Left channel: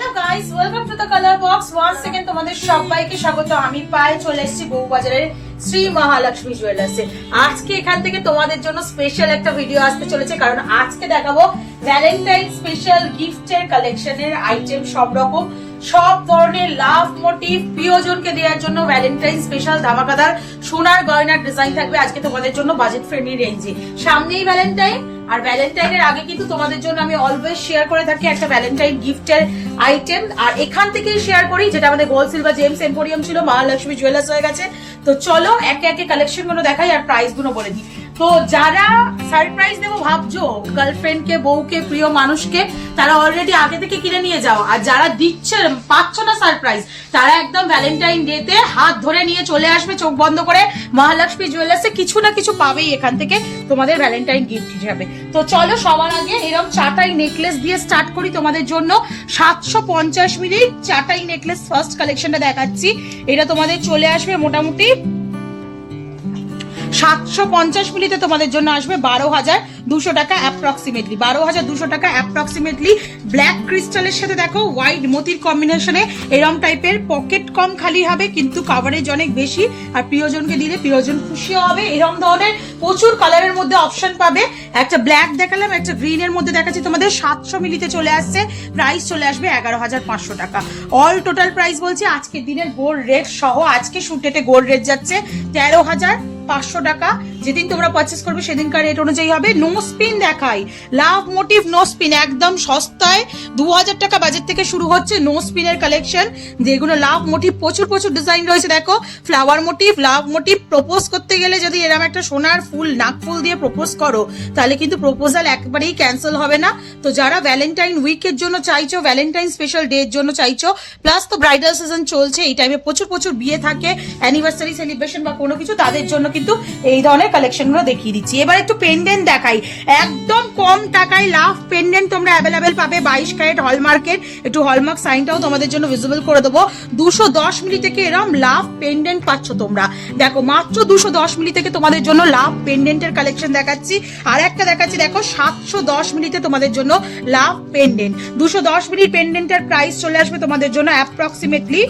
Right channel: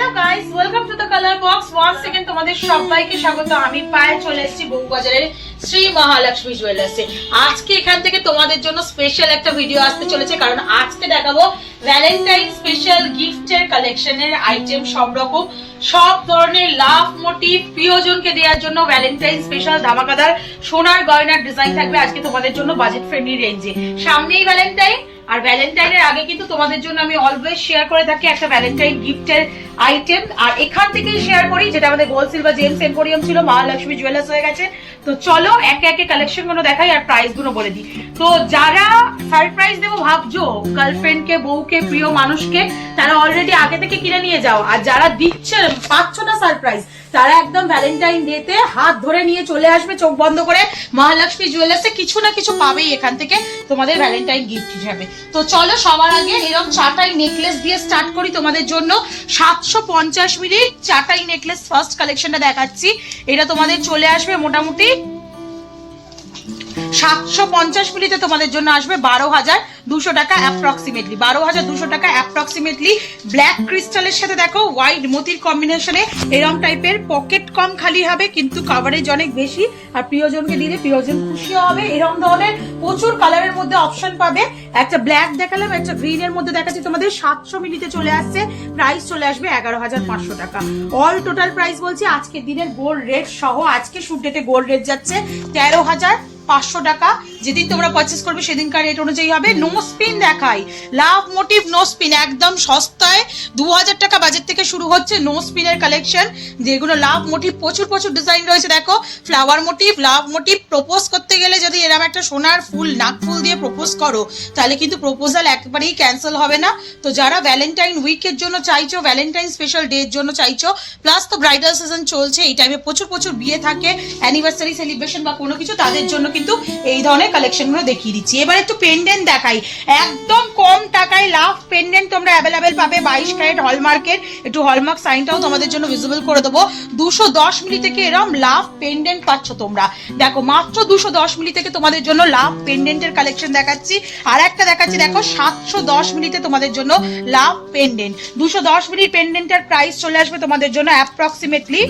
Hello guys, welcome to the colour box. Once second তোমাদের সবাইকে স্বাগত। আমি পায়ে চলে এসেছি বউবাজারের শ্রী মহালক্ষ্মী জুয়েলার্সে। আজকে এখান থেকে তোমাদের জন্য স্পেশাল একটা ভিডিও আসতে চলেছে, কারণ আজকে দেখাবো ভ্যালেন্টাইন স্পেশাল গিফটের কালেকশনের আইটেম। সব রকম সব ধরনের লাভ মোটিভ প্রিয়জনকে দেওয়ার জন্য ভ্যালেন্টাইন স্পেশাল ধামাকাদার সোনার গয়নার ডিজাইন থাকবে আজকে তোমাদের জন্য বাজেট ফ্রেন্ডলি রেঞ্জে। সামনেই ভ্যালেন্টাইন, আর ভ্যালেন্টাইনের আগে কিন্তু তোমাদের জন্য আমি অলওয়েজ শেয়ার করে থাকি একটা ভ্যালেন্টাইন গিফটের আইটেম, আর এখান থেকেই শেয়ার করি। যেটা আমাদের গোল্ড সিলভার জেমস এম্পোরিয়াম ছিল, মহালক্ষ্মী জুয়েলার্স হয়ে গেছে। তো চলো একে একে কালেকশন গুলো দেখাই আর প্রাইস গুলো বলে দিই। তো যারা সারপ্রাইজ দেবো ভাবছো গার্লফ্রেন্ড কে, বউকে, প্রিয় মানুষকে, তারা অলরেডি আগে থেকে কিনে নিয়ে যাও। আর যারা দিচ্ছে পাচ্ছ না সারপ্রাইজ, তারা একদম ভ্যালেন্টাইন ডেতে হাত ধরে নিয়ে চলে আসবে চোখ বন্ধ করে মহালক্ষ্মী জুয়েলার্সে। কিছু না কিছু পাবেই এখান থেকে তোমাদের ভ্যালেন্টাইন গিফট হিসাবে। তো চলো সবার আগে এরকম চাটাই নেকলেস দিয়ে স্টার্ট করি তোমাদের জন্য। 750 মিনিট চাটাই নেকলেস ফার্স্ট কালেকশনটা দেখাচ্ছি। এটা তোমাদের চলে আসবে মোটামুটি 750 মিলিতে তোমাদের জন্য আসবে 12,200 টাকা অ্যাপ্রক্সিমেটলি। 12,200 টাকা অ্যাপ্রক্সিমেটলি। ব্ল্যাক ক্রিস্টালের সাথে দেখো হোয়াইট মোতির কম্বিনেশনে এরকম টাইপের পকেট কম খালি হবে, কিন্তু কাভারেজ অনেক বেশি। আর প্রিয়জনকে দিলে প্রিয়জন খুশি হবে। এরকম ধরনের প্রচুর কালারের মধ্যে অপশন পাবে। একটা ব্ল্যাক দেখালাম, একটা গ্রিন এর মধ্যে দেখাচ্ছি তোমাদের। 700 মিলিতে চলে আসছে, প্রাইস চলে আসবে 11,500 টাকা। অল টোটাল প্রাইস বলছি আজকের দিনের গোল্ড রেট সহ, আজকে শুট ডেটে গোল্ড রেট যাচ্ছে 13,500 টাকা। যেদিন তোমরা পারচেস করবে সেদিনকার রেট অনুযায়ী হবে। নো স্পিন দেখাই, লাভ মোটিভ নো স্পিন, একদম সস্তায় 2,000 টাকা বাজেট থেকে শুরু হচ্ছে নো স্পিনের কালেকশন, যেগুলো লাভ মোটিভ প্রচুর প্রচুর ডিজাইন রয়েছে। দেখো ফ্লাওয়ার মোটিভ, লাভ মোটিভ। প্রপোজ করতে গেলে যদি এরকম একটা সোনার ফুল, নাক ফুল দিয়ে প্রপোজ করো, তাহলে কিন্তু প্রপোজাল একবারেই ক্যান্সেল হবে না। তো যারা ভ্যালেন্টাইন উইকের জন্য চাইছো, ভ্যালেন্টাইন স্পেশাল ডে এর জন্য চাইছো, প্লাস তো ব্রাইডাল সিজন চলছে, এই টাইমে প্রচুর প্রচুর বিয়ে থাকে, অ্যানিভার্সারি সেলিব্রেশন বা কোনো কিছু, তাদের জন্য কিন্তু এই ধরনের কালেকশন গুলো দেখিয়ে দিচ্ছি। এবার একটু পেন্ডেন্ট দেখাই। একদম কম টাকায় লাভ পেন্ডেন্ট তোমরা অ্যাভেলেবেল পাবে। 22 ক্যারেট হলমার্কের, একটু হলমার্ক সাইনটাও তোমাদের জন্য ভিজিবল করে দেবো। 210 মিলি থেকে এরকম লাভ পেন্ডেন্ট পাচ্ছ তোমরা। দেখো মাত্র 210 মিলি থেকে তোমাদের জন্য লাভ পেন্ডেন্টের কালেকশন দেখাচ্ছি। আর একটা দেখাচ্ছি দেখো 710 মিলিতে তোমাদের জন্য লাভ পেন্ডেন্ট। 210 মিলি পেন্ডেন্টের প্রাইস চলে আসবে তোমাদের জন্য অ্যাপ্রক্সিমেটলি,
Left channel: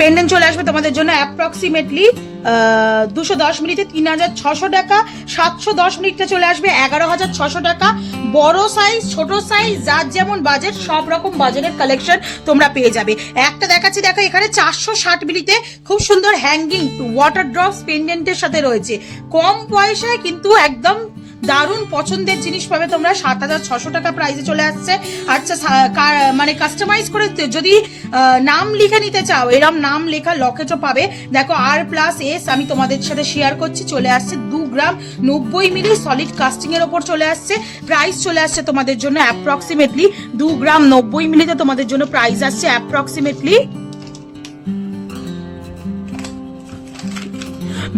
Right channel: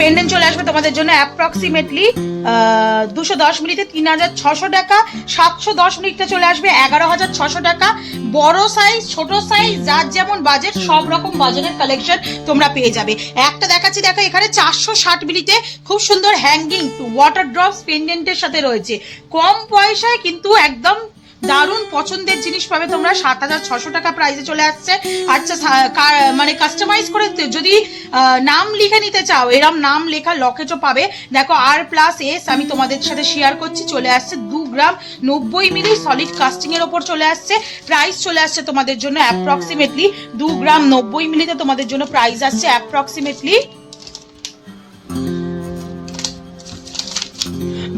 পেন্ডেন্ট চলে আসবে তোমাদের জন্য অ্যাপ্রক্সিমেটলি 210 মিনিটে 3,600 টাকা। 710 মিনিটে চলে আসবে 11,600 টাকা। বড় সাইজ, ছোট সাইজ, যার যেমন বাজেট, সব রকম বাজারের কালেকশন তোমরা পেয়ে যাবে। একটা দেখাচ্ছি দেখো, এখানে 460 মিলিতে খুব সুন্দর হ্যাঙ্গিং ওয়াটার ড্রপস পেন্ডেন্টের সাথে রয়েছে। কম পয়সায় কিন্তু একদম দারুণ পছন্দের জিনিস পাবে তোমরা। 7,600 টাকা প্রাইসে চলে আসছে। আচ্ছা মানে কাস্টমাইজ করে যদি নাম লিখে নিতে চাও, এরম নাম লেখা লকেটও পাবে। দেখো R+S আমি তোমাদের সাথে শেয়ার করছি, চলে আসছে 2 গ্রাম 90 মিলি সলিড কাস্টিং এর ওপর চলে আসছে। প্রাইস চলে আসছে তোমাদের জন্য অ্যাপ্রক্সিমেটলি 2 গ্রাম 90 মিলিতে তোমাদের জন্য প্রাইস আসছে অ্যাপ্রক্সিমেটলি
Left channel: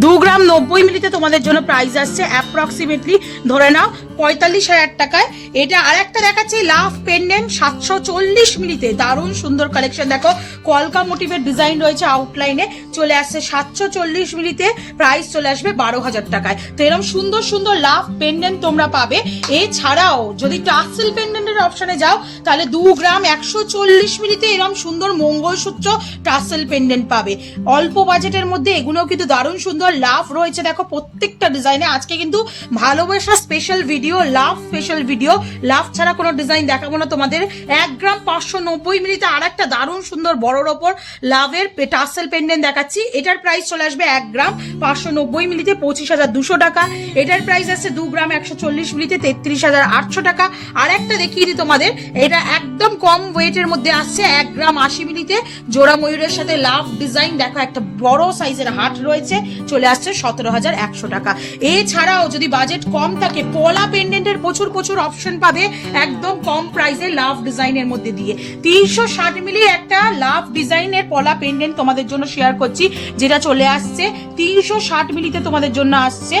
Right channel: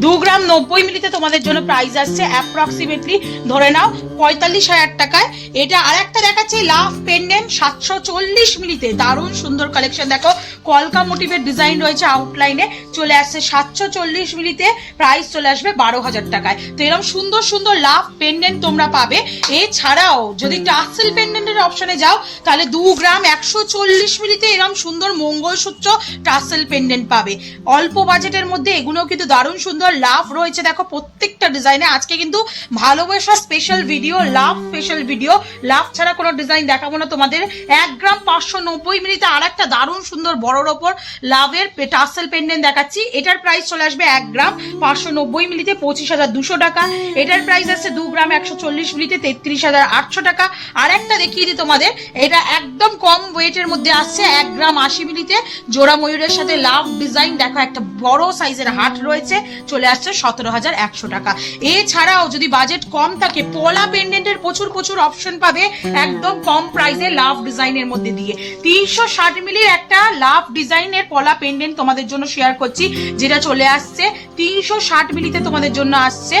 2 গ্রাম 90 মিলিতে তোমাদের জন্য প্রাইস আসছে অ্যাপ্রক্সিমেটলি ধরে নাও 45,000 টাকায়। এটা আর একটা দেখাচ্ছি লাভ পেন্ডেন্ট 740 মিলিতে, দারুণ সুন্দর কালেকশন। দেখো কলকা মোটিভের ডিজাইন রয়েছে, আউটলাইনে চলে আসছে 740 মিলিতে, প্রাইস চলে আসবে 12,000 টাকায়। তো এরকম সুন্দর সুন্দর লাভ পেন্ডেন্ট তোমরা পাবে। এছাড়াও যদি টাসেল পেন্ডেন্টের অপশনে যাও, তাহলে 2 গ্রাম 140 মিলিতে এরকম সুন্দর মঙ্গলসূত্র টাসেল পেন্ডেন্ট পাবে। অল্প বাজেটের মধ্যে এগুলোও কিন্তু দারুণ সুন্দর লাভ রয়েছে। দেখো প্রত্যেকটা ডিজাইনে আজকে কিন্তু ভালোবাসা স্পেশাল ভিডিও, লাভ স্পেশাল ভিডিও। লাভ ছাড়া কোনো ডিজাইন দেখাবো না তোমাদের। 1 গ্রাম 590 মিলিতে আর একটা দারুণ সুন্দর বড়র ওপর লাভের টাসেল পেন্ডেন্ট দেখাচ্ছি। এটার প্রাইস চলে আসবে 1 গ্রাম 590 মিলিতে 25,200 টাকা। এটার প্রাইস আসছে 2 গ্রাম 140 মিলিতে 33,800 টাকা। আর একটা দেখিয়ে দিই তোমাদের, এটা একদম কম ওয়েটের মধ্যে আসছে 1 গ্রাম 80 মিলিতে জোড়া ময়ূরের সাথে লাভ ডিজাইন। দেখো একটা বড় সাইজের হাট রয়েছে, চলে আসছে 17,100 টাকা। এছাড়াও যদি বাজেট কম থাকে, পলা পেন্ডেন্টের প্রচুর প্রচুর অপশন পাবে একদম কম প্রাইসে লাভ ডিজাইনের মধ্যে দিয়ে। 360 মিলির একটা লাভ ডিজাইনের পলা পেন্ডেন্ট তোমাদের জন্য শেয়ার করছি, যেটা চলে আসছে 360 মিলিতে তোমাদের জন্য আসছে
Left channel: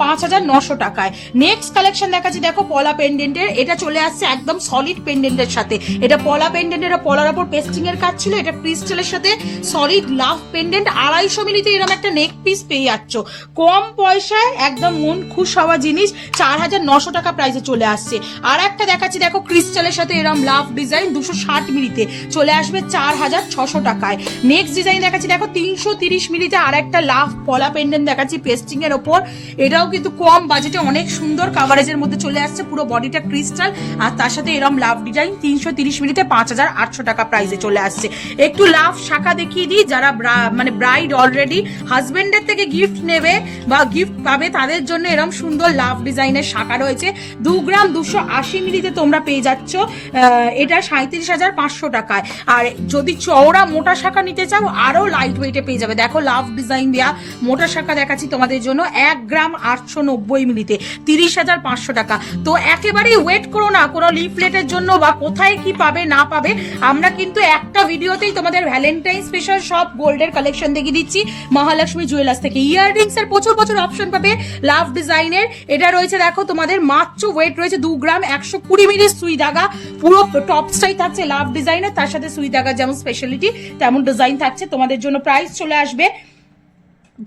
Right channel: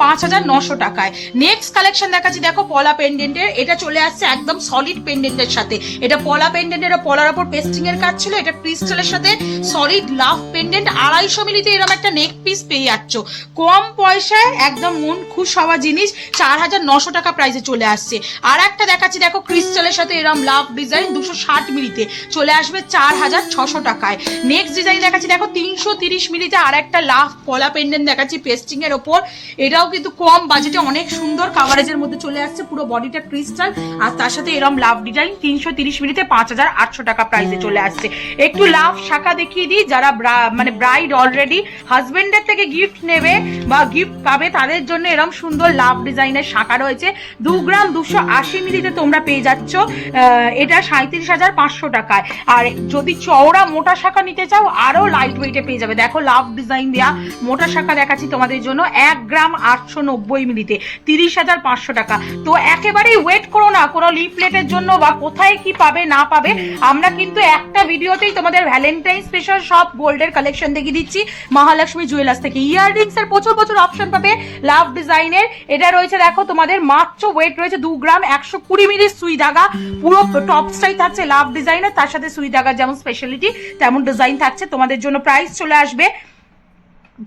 5,900 টাকায়। নেক্সট কালেকশন দেখাচ্ছি দেখো পলা পেন্ডেন্টের, এটা চলে আসছে আসছে একদম সলিড পেন্ডেন্টের সাথে। এটা পলা পেন্ডেন্ট, এটা পলার ওপর পেস্টিং এর কাজ ছিল, এটা ক্রিস্টালের সাথে সলিড লাভ পেন্ডেন্ট। 250 মিলিতে এরকম একটা নেক পিস পেয়ে যাচ্ছ কম পয়সায়, একদম মন খুশ হওয়া জিনিস। 4900 টাকা প্রাইসে চলে আসছে। আর একটা দেখাচ্ছি দেখো, ক্রিস্টালের সাথে এরকম লাভ ডিজাইন 260 মিলিতে চলে আসবে 4600 টাকায়। নেক্সট ডিজাইন দেখাচ্ছি দেখো, 330 মিলিতে আর একটা লাভ পলা পেন্ডেন্ট দেখাচ্ছি পেস্টিং এর ওপর। এটাও কিন্তু কম বাজেটে অনেক সুন্দর কাভারেজের মধ্যে চলে আসছে, পুরো বডিটা ক্রিস্টাল আর তার সাথে এরকম লাভ ডিজাইন। 330 মিলিতে 5800 টাকা প্রাইসে চলে আসছে। একটু লাভ শাখা দেখিয়ে দিই, যারা মানে ব্রাইড অলরেডি হাজবেন্ডের থেকে গিফট নেবে বা গিফট পাবে তাদের জন্য এরকম সুন্দর লাভ ডিজাইনের শাখা রয়েছে। 2 গ্রাম 280 মিলিতে তোমরা পেয়ে যাচ্ছ এটা 37,500 টাকায়। আর যদি চওড়া মোটা শাখা নিতে চাও আরো লাইট ওয়েটে পেয়ে যাবে। দেখো লাভ ডিজাইন দেয়া মোটা শাখা দেখাচ্ছি তোমাদের জন্য 1 গ্রাম 890 মিলিতে 30,500 টাকা। তো একেবারেই ওয়েট করো না কোনো লিফলেটের জন্য বা কোথায় কি পাবে না পাবে। আমরা কিন্তু একটা ভিডিওতেই তোমাদের ভ্যালেন্টাইন স্পেশাল সব গোল্ডের কালেকশন দেখিয়ে দিচ্ছি মহালক্ষ্মী জুয়েলার্স থেকে। ইয়াররিংস এর প্রচুর প্রচুর অপশন পাবে লাভ ডিজাইনের। এটা রয়েছে দেখো তোমাদের মাত্র ওয়েট রয়েছে 2 গ্রাম 120 মিলি সুই দাগা, পুরো টপসটাই থাকছে লাভ ডিজাইনের, তার সাথে সুই দাগা যেমন স্পেশালিটি তেমন ডিজাইন থাকছে। তোমাদের জন্য প্রাইস চলে আসবে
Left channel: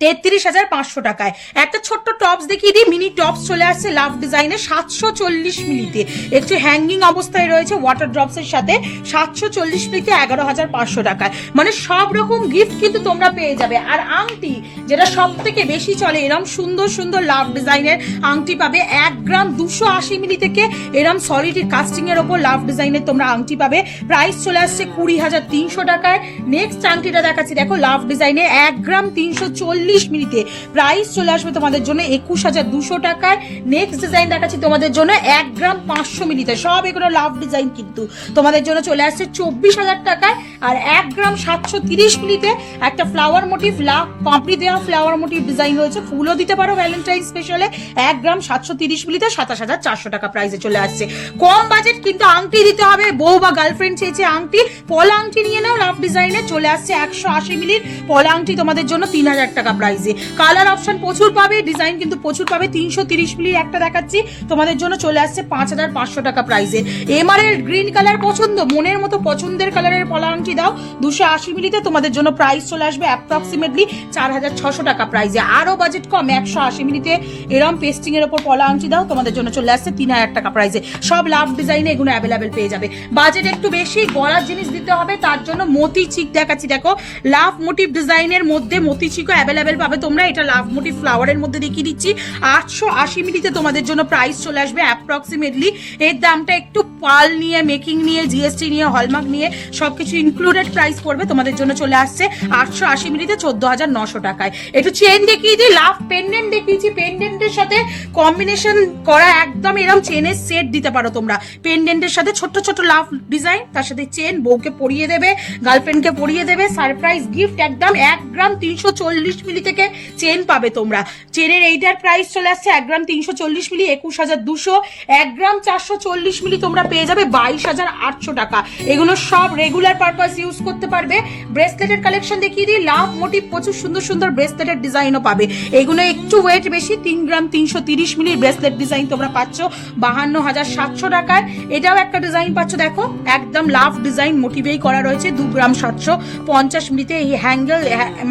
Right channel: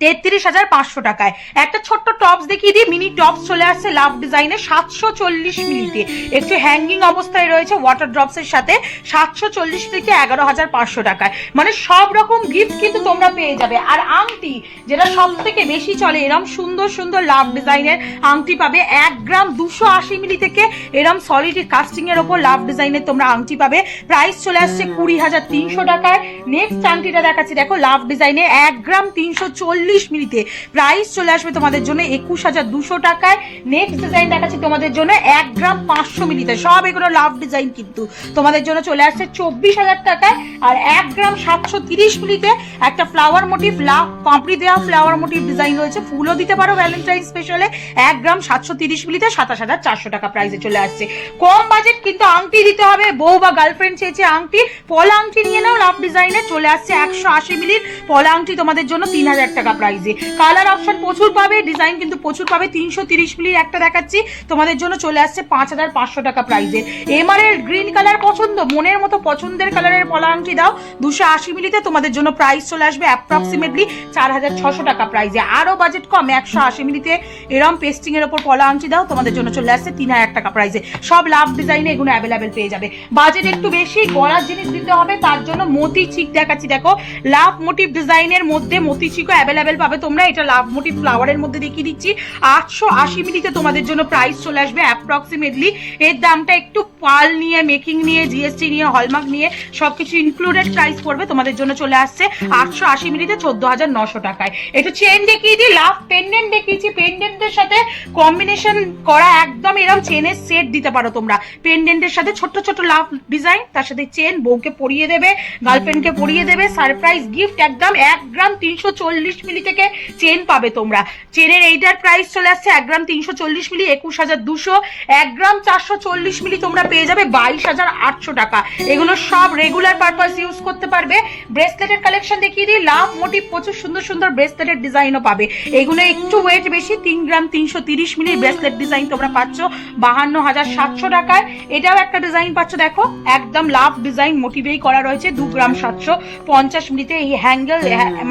33,500 টাকায়। একটা ছোট্ট টপস দেখিয়ে দিই, মিনি টপস চলে আসছে লাভ ডিজাইনে 740 মিলিতে, একটু হ্যাঙ্গিং অবস্থায় রয়েছে ওয়াটার ড্রপস এর সাথে 740 মিলিতে 11,500 টাকায়। মানে সব রকম গিফট কিন্তু তোমরা পেয়ে যাবে। আর আংটি যেটা সব থেকে বেশি চলে, এরম সুন্দর সুন্দর লাভ ডিজাইনের আংটি পাবে 1 গ্রাম 280 মিলি থেকে এরম সলিড কাস্টিং এর ওপর লাভ ডিজাইনের তোমরা আংটি পাবে। প্রাইস চলে আসছে 20,300 টাকায়। নেক্সট আংটিটা দেখাচ্ছি দেখো লাভ ডিজাইনে 1 গ্রাম 340 মিলিতে, প্রাইস চলে আসবে তোমাদের জন্য 21,200 টাকায়। নেক্সট ডিজাইন দেখাচ্ছি তোমাদের জন্য 1 গ্রাম 500 মিলিতে, সব এগুলো লাভ ডিজাইন কিন্তু তোমাদের জন্য চলে আসছে 24,000 টাকায়। আর 1 গ্রাম 730 মিলিতে একটা ফ্লাওয়ার মোটিভ লাভ পাপড়ি দেওয়া ফ্লাওয়ার মোটিভ ডিজাইন রয়েছে, ফুলও দিতে পারো ভ্যালেন্টাইন স্পেশালে। 1 গ্রাম 730 মিলিতে 27,400 টাকা প্রাইসে চলে আসছে। কম বাজেট কিন্তু আংটি দিতে হবে, বউ বা গার্লফ্রেন্ড চেয়েছে আংটি, পলা আংটি নিয়ে নাও লাভ ডিজাইনে চলে আসছে 180 মিলির পলা আংটি তোমাদের জন্য 3,000 টাকা প্রাইসে। কালার অপশন প্রচুর পাবে, ডিজাইন কিন্তু প্রচুর পাবে। 330 মিলির একটা দেখাচ্ছি তোমাদের জন্য চলে আসছে 5,500 টাকা প্রাইসে। এমারেল্ড গ্রিন কালার পছন্দ, মনের মতো পছন্দের কালারের পলা আংটি দাও 280 মিলিতে, তোমাদের জন্য প্রাইস চলে আসবে অ্যাপ্রক্সিমেটলি 4,600 টাকা প্রাইসে। আরো বাজেট কম 180 মিলিতে এরম পেস্টিং এর উপর পলা আংটি দাও, তোমাদের জন্য চলে আসছে 3,000 টাকা প্রাইসে। সব লাভ ডিজাইনে এগুলো অ্যাভেলেবেল পেয়ে যাবে। বাজেট একটু বেশি, গলার জিনিস দিতে হবে, তার জন্য মতি চিক দেখাচ্ছি দেখো লাভ মোটিভ ডিজাইনের মধ্যে মতি চিকও অ্যাভেলেবেল পাবে তোমরা। এটা লাভ মোটিভ ফ্লাওয়ারের মধ্যে দেখিয়ে দিচ্ছি 880 মিলিতে তোমাদের জন্য প্রাইস চলে আসবে অ্যাপ্রক্সিমেটলি। এর দামটা একটু পাল নিয়ে মেকিং নিয়ে জিএসটি নিয়ে হলমার্ক নিয়ে সবকিছু ইনক্লুডেড প্রাইস পড়বে, তোমাদের জন্য চলে আসছে 880 মিলিতে 14,900 টাকায়। একটু চেন দেখিয়ে দিই, লাভ পেন্ডেন্ট দেখিয়েছি, পেন্ডেন্টের সাথে কম্বিনেশন করা একদম এরকম চেনের সেট দিতে পারো তোমরা। পেন্ডেন্টের সাথে ছোট্ট ছোট্ট লাভ ডিজাইন, তার সাথে চেন, বউকে পরিয়ে দেবে, গার্লফ্রেন্ডকে পরিয়ে দেবে, সারপ্রাইজ গিফট একদম। 1 গ্রাম 340 মিলি থেকে চেন পাবে তোমরা। চেনের এইটার প্রাইস চলে আসছে 1 গ্রাম 340 মিলি 21,200। 1 গ্রাম 440 মিলি তোমরা পেয়ে যাবে 22,800 টাকা। এগুলো সব রেগুলার পারপাস ইউজ করতে পারবে। ব্রেসলেটের কালেকশন দেখিয়ে দিই, লাভ মোটিভ প্রচুর সুন্দর সুন্দর ব্রেসলেটের ডিজাইনও পাবে। এগুলো একটু ওয়েট বেশি, 3 গ্রাম 330 মিলির ব্রেসলেট ডিজাইন তোমরা পাচ্ছ 52,700 টাকায়। এটাও একটা ডিজাইন পাচ্ছ দেখো, একদম লাভ ডিজাইন মোটিভেই করা রয়েছে 2 গ্রাম 750 মিলিতে। এই হ্যাঙ্গেল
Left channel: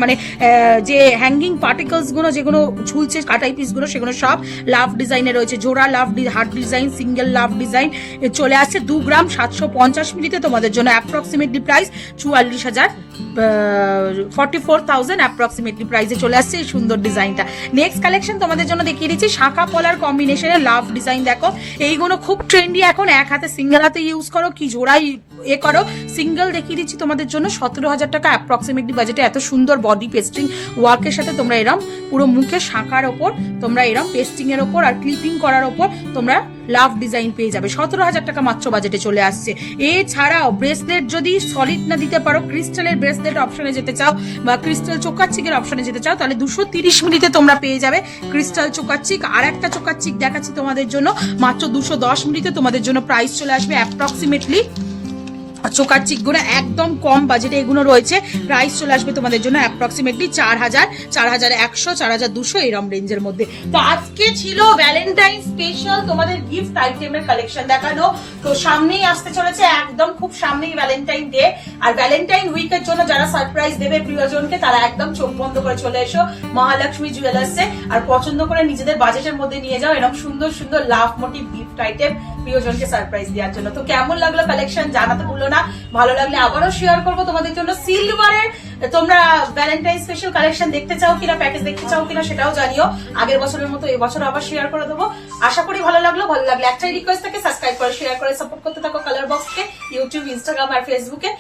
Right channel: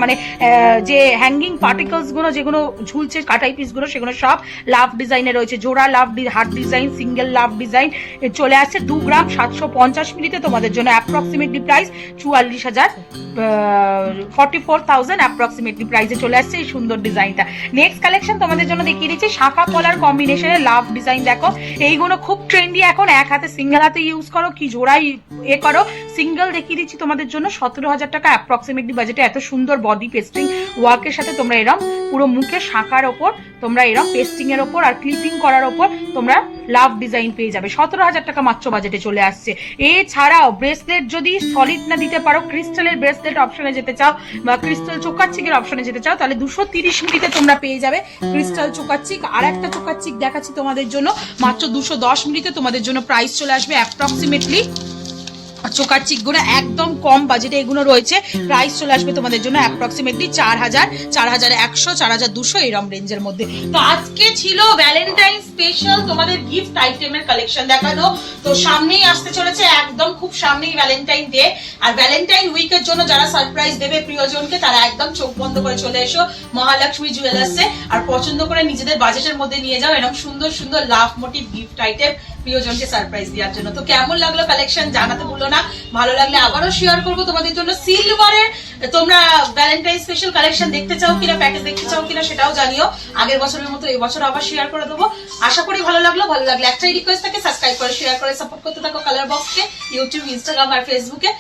মানে যে হ্যাঙ্গিং পার্টিকলস গুলো যেগুলো ঝুলছে কাটাই পিস গুলো, সেগুলো সব লাভ ডিজাইনে রয়েছে। জোড়া love heart design, single love design চলে আসছে 2 গ্রাম 750 মিলিতে, তোমাদের জন্য অ্যাপ্রক্সিমেটলি প্রাইস 44,000 অ্যাপ্রক্সিমেটলি প্রাইসে চলে আসছে এই সুন্দর ডিজাইনটা। নেক্সট কালেকশন তোমাদের জন্য দেখিয়ে দিচ্ছি শাখা পলার কম্বিনেশনে লাভ ডিজাইন। দেখো এইগুলো খুব ট্রেন্ডি এখন, এক হাতে সিঙ্গেল হাতে ইউজ করো কি জোড়াই করো। সিঙ্গেল দেখিয়ে দিচ্ছি তোমাদের জন্য 17,000 টাকা অ্যাপ্রক্সিমেটলি বাজেটে। এত সুন্দর বডি পেস্টিং ওয়ার্কের সাথে তোমরা এরম পুরো মুখে শাখার ওপর তোমরা এরম পেস্টিং এর ওপর আর ক্লিপিং করার ওপর তোমরা লাভ ডিজাইন পেয়ে যাবে। 17,000 টাকা মাত্র বাজেটে চলে আসছে। এছাড়াও ব্রেসলেট যদি সলিড না দিতে পারো, ক্রিস্টালের ব্রেসলেট অপশনে যেতে চাও বা ক্রিস্টাল চোকার চিকের অপশনে যেতে চাও, তাহলে 230 মিলিতে তোমরা পেয়ে যাবে ক্রিস্টাল চোকার চিক। আর একটা চোকার চিক দেখাচ্ছি তোমাদের জন্য মাত্র 210 মিলিতে, তোমাদের জন্য প্রাইস চলে আসবে অ্যাপ্রক্সিমেটলি চোকার চিকগুলো একদম কম বাজেটে এগুলো রয়েছে। প্রাইস চলে আসবে তোমাদের জন্য অ্যাপ্রক্সিমেটলি 4000, 4100, 4200 এরম রেঞ্জের মধ্যে। তো আজকে ছিল ভ্যালেন্টাইন স্পেশাল তোমাদের গিফট আইটেমের কালেকশন দেখানো। তো সামনেই আসতে চলেছে, একদম খুব সামনেই ভ্যালেন্টাইন ডে, আর ভ্যালেন্টাইন উইকের জন্য যারা সারপ্রাইজ দেবে প্রিয়জনকে তারা একদম চোখ বন্ধ করে চলে এসো মহালক্ষ্মী জুয়েলার্সে, আর পছন্দ করে নিজেদের বাজেটের মধ্যে নিয়ে যাও এরকম সুন্দর সুন্দর লাভ মোটিভ গিফট আইটেম প্রিয়জনকে সারপ্রাইজ দেওয়ার জন্য। তো কেমন লাগলো কালেকশন জানাতে ভুলো না, ভালো লাগলে আবারও শেয়ার করবো তোমাদের জন্য। সিলভারের তোমরা ভ্যালেন্টাইন স্পেশাল কালেকশন দেখতে চাও কিনা, প্যাকেজ দেখতে চাও কিনা সেটাও জানিও। আগের বছরের মতো এবছর আবার শেয়ার করে দেবো। আশা করি ভালো লাগলো। ভালো লাগলে একটাই রিকোয়েস্ট থাকে, সাবস্ক্রাইব করে শেয়ার করে সাপোর্ট করতে থাকো কালার বক্সকে, ইউটিউব, ইনস্টাগ্রাম আর ফেসবুকে।